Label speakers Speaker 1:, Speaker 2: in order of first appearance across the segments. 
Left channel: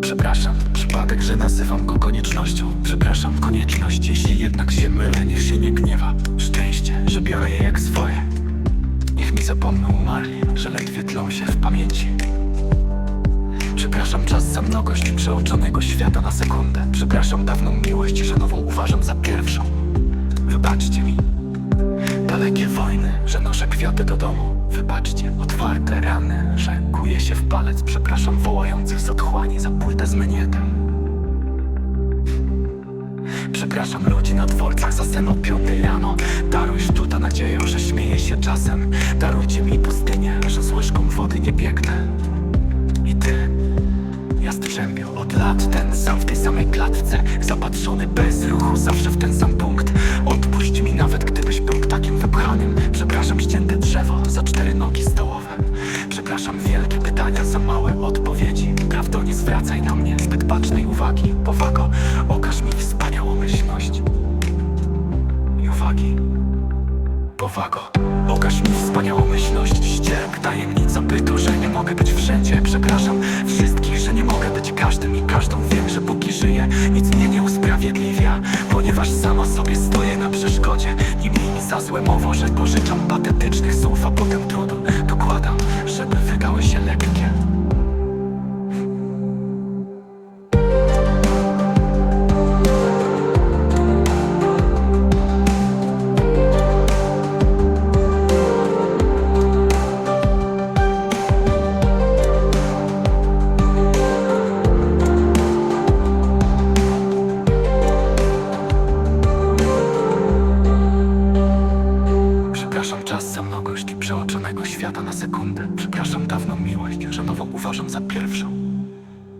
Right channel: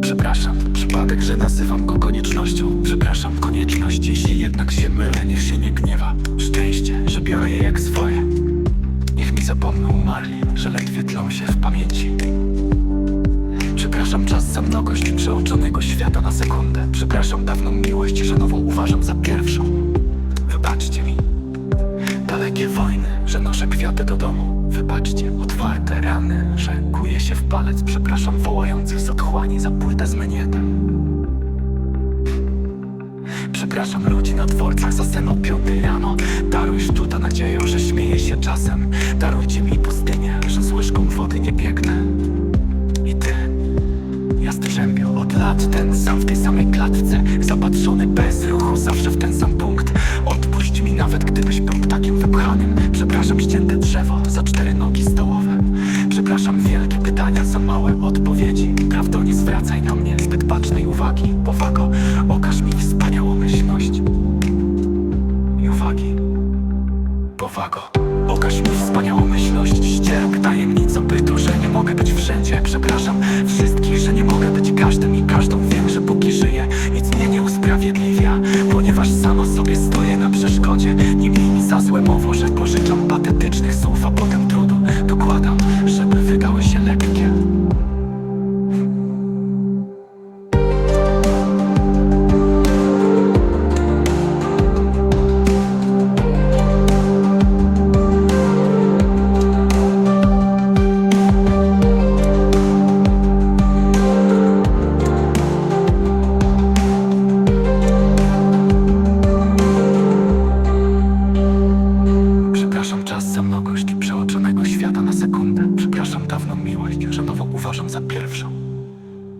Speaker 1: Przepraszam, przypadek, że nazywam go koniecznością. Przepraszam, konieczność, jeśli jednak się mylę, niech się nie gniewa. Szczęście, że biorę je jak swoje. Niech mi zapomną umarli, że ledwie tlą się w pamięci. Przepraszam czas za mnogość przeoczonego świata na sekundę. Przepraszam dawną miłość, że nową uważam za pierwszą że noszę kwiaty do domu. Wybaczcie, otwarte rany, że kuję się w palec Przepraszam wołających z otchłani za płytę z menietem. Przepraszam ludzi na dworcach za sen o piątej rano. Daruj sztuta nadzieją, że śmieję się czasem. Darujcie mi pustynię, że z łyżką wody nie biegnę. I ty, Jastrzębio, od lat ten sam w tej samej klatce Zapatrzony bez ruchu, zawsze w ten sam punkt Odpuść mi nawet gdybyś był ptakiem wypchanym Przepraszam ścięte drzewo za cztery nogi stołowe. Przepraszam wielkie pytania za małe odpowiedzi. Prawdo nie zwracaj na mnie zbyt bacznej uwagi Powago, okaż mi wspaniałomyślność I uwagi. Powago, okaż mi wspaniałomyślność Ścierp tajemnica bytu, że nie mogę być wszędzie. Przepraszam wszystkich, że nie mogę być każdym i każdą Wiem, że póki żyję, nic mnie nie usprawiedliwia Ponieważ sama sobie stoję na przeszkodzie. Miej mi za złe mowo, że pożyczam patetycznych słów A potem trudu dokładam, żeby wydały się lekkie Mnogość przeoczonego świata na sekundę. Przepraszam dawną miłość, że nową uważam za pierwszą.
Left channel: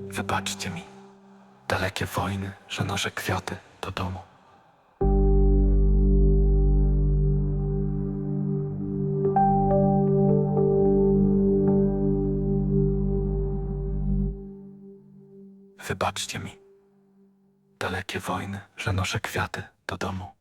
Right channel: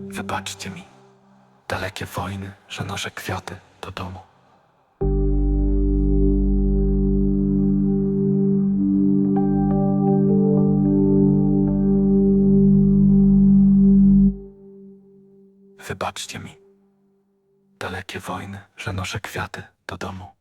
Speaker 1: Wybaczcie mi Dalekie wojny, że noszę kwiaty do domu. Wybaczcie mi Dalekie wojny, że noszę kwiaty do domu